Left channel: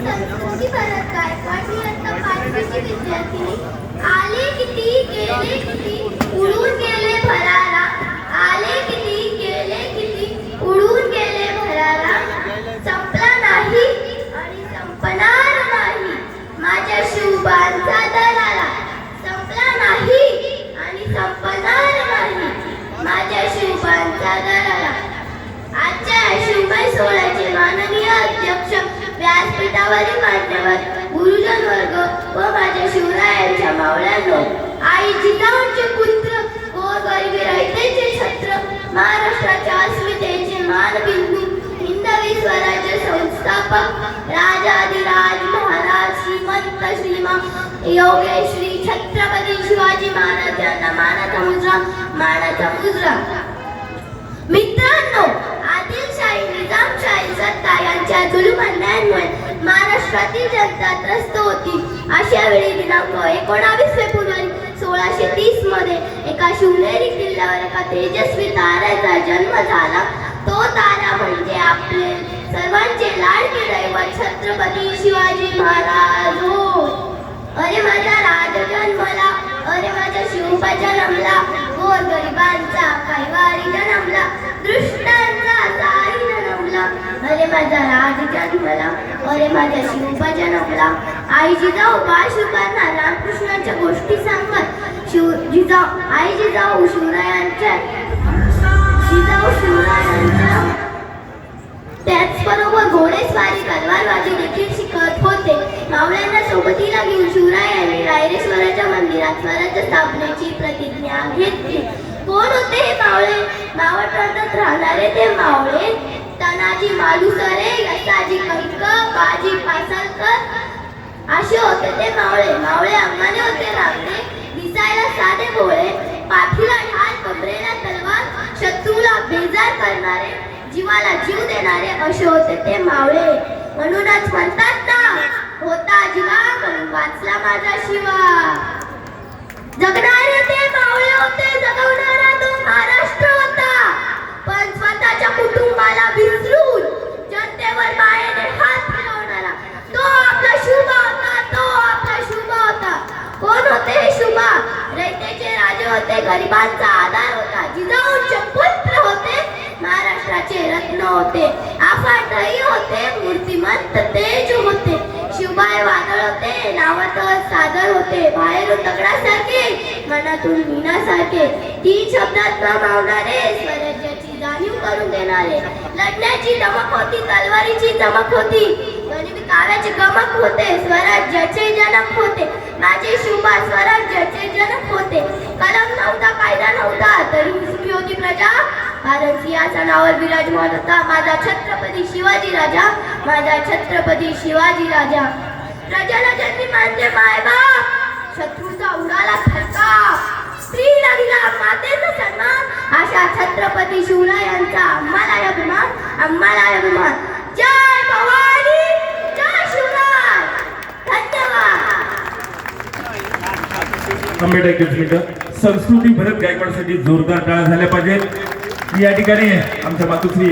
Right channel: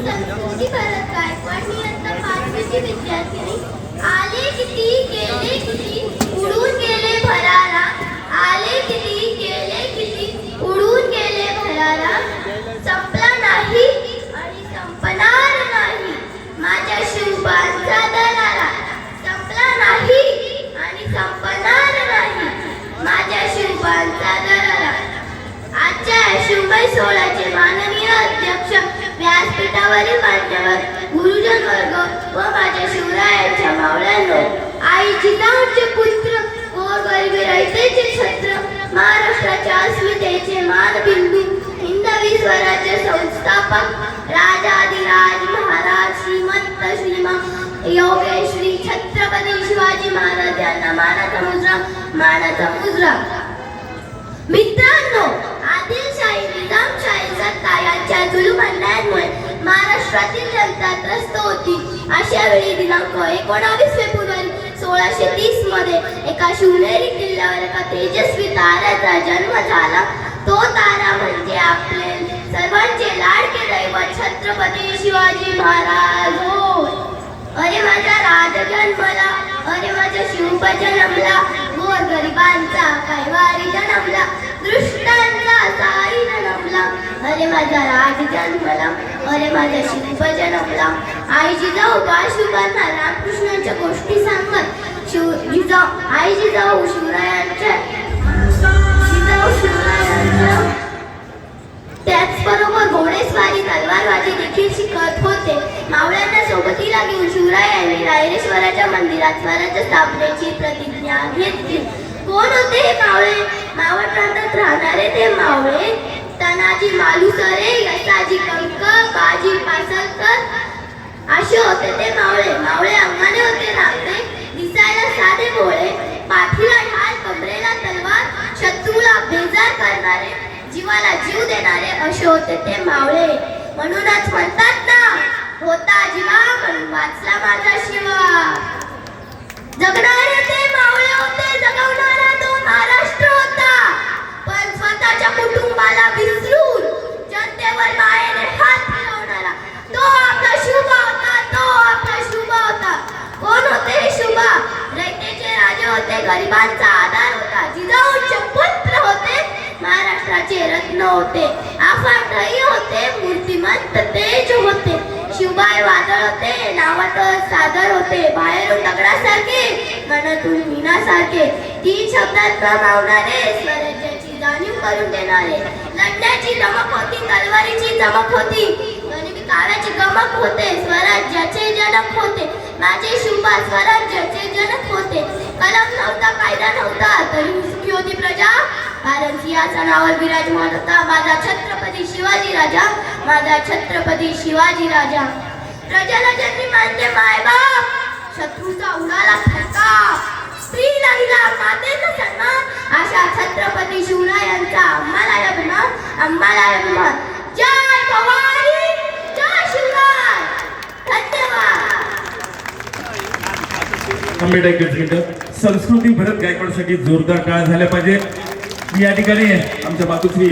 संस्कृती भरत गायकवाड मी आता 5वीची विद्यार्थिनी. आले किती गेले किती उडून गेले भरारा. आले किती गेले किती उडून गेले भरारा. संपला नाही आणि संपणार नाही माझ्या शुभांचा दरारा. संपला नाही आणि संपणार नाही माझ्या शुभांचा दरारा. आजच्या शिवमय सोहळ्याचे माननीय अध्यक्ष, व्यासपीठावरील मान्यवर, गुरुजन वर्ग व माझ्या शिवरायांच्या मावळ्यांनो, आई जिजाऊंचे पुत्र, गोरगरिबी रयतेचे छत्र, महाराष्ट्राच्या अस्मितेचे मानबिंदू, हिंदवी स्वराज्य संस्थापक, राजाधिराज महाराज श्रीमंत श्रीमान योगेश श्री छत्रपती शिवाजी महाराज यांना मानाचा मुजरा, मानाचा मुजरा. मित्रांनो, आदिलशाही, निजामशाही सत्ता यांच्या जुलूम अन्यायांमुळे महाराष्ट्रातील जनता त्रस्त होती. अशा वेळी दिनांक 19 फेब्रुवारी 1630 मध्ये एका शिवनेरी किल्ल्यावर एका तेजस्वी ताऱ्याचा जन्म झाला. तो तारा म्हणजे आपले सर्वांचे लाडके दैवत छत्रपती शिवाजी महाराज होत. अरे माझा राज जन्मला, अरे माझा शिवबा जन्मला, गोरगरिबांचा कैवारी जन्मला, दृष्टांचा साई जन्मला. अरे माझा राज जन्मला, अरे माझा शिवबा जन्मला. आई जिजाऊ बाळशिवकांना रामकृष्णाच्या गोष्टी सांगतात. आई जिजाऊ शिवरायांच्या त्याचबरोबर घोडेस्वारी, तलवारबाजी देखील शिकत होते. मावळ्यांना सोबतीला घेऊन शिवरायांनी रायरेश्वराच्या मंदिरात स्वराज्य स्थापनेची प्रतिज्ञा घेतली. कोण होते हे मावळे? मावळ प्रांतात राहणारे ते मावळे तानाजी मालुसरे, यसाजी कंक, बाजी पासलकर असे होते ते मावळे. मावळे अंगाने होते रांगणे, दिसायला साधे भोळे, पाठीला ढाल, कमरेला तलवार, शत्रूला बेजार करणारे, जीवाला जीव देणारे असे होते ते मावळे. म्हणूनच म्हणतात ना, होता जीवा म्हणून वाचला माझा शिवा. जगणारे ते मावळे होते, जगवणारा तो महाराष्ट्र होता. पण स्वतःच्या कुटुंबाला विसरून जनतेवर मायेने हात फिरवणारा तो आपला शुभा होता, तो आपला शुभा होता. कोण होते हे शुभा? रयतेचे राजे होते, गरिबांचा आधार होता. जिजाऊंचे पुत्र होते, महाराष्ट्राचे रत्न होते. अफाट धैर्य होते, मूर्तिमंत तेज होते. शिवबाई वादळ होते, नावात सादर होते. बाहेरून दगडासारखे, मनातून मीनासारखे. 3 शब्दात न मावणारे, स्वराज्याची जाणीव करून देणारे. लढण्याची धमक होती, तलवारीची चमक होती, गनिमी काव्याची गमक होते. स्वराज्याचे जनक होते माझे शिवबा, स्वराज्याचे जनक होते. कलम नव्हता, कायदा नव्हता, तरी सुखी होती प्रजा. कारण सिंहासनावर विराजमान होता माझा छत्रपती शिवाजी राजा, माझा छत्रपती शिवाजी राजा. प्रजाला जन्मी मानले मायबाप, शत्रूचा उडाला फटका, स्त्रीला दिला मातेचा सन्मान. अशा छत्रपती शिवरायांचा आम्हाला अभिमान, आम्हाला अभिमान. जय भवानी, जय शिवराय. धन्यवाद. संस्कृती भरत गायकवाडसाठी जोरदार टाळ्या झाल्या पाहिजेत. या ठिकाणी आमच्या मातोश्री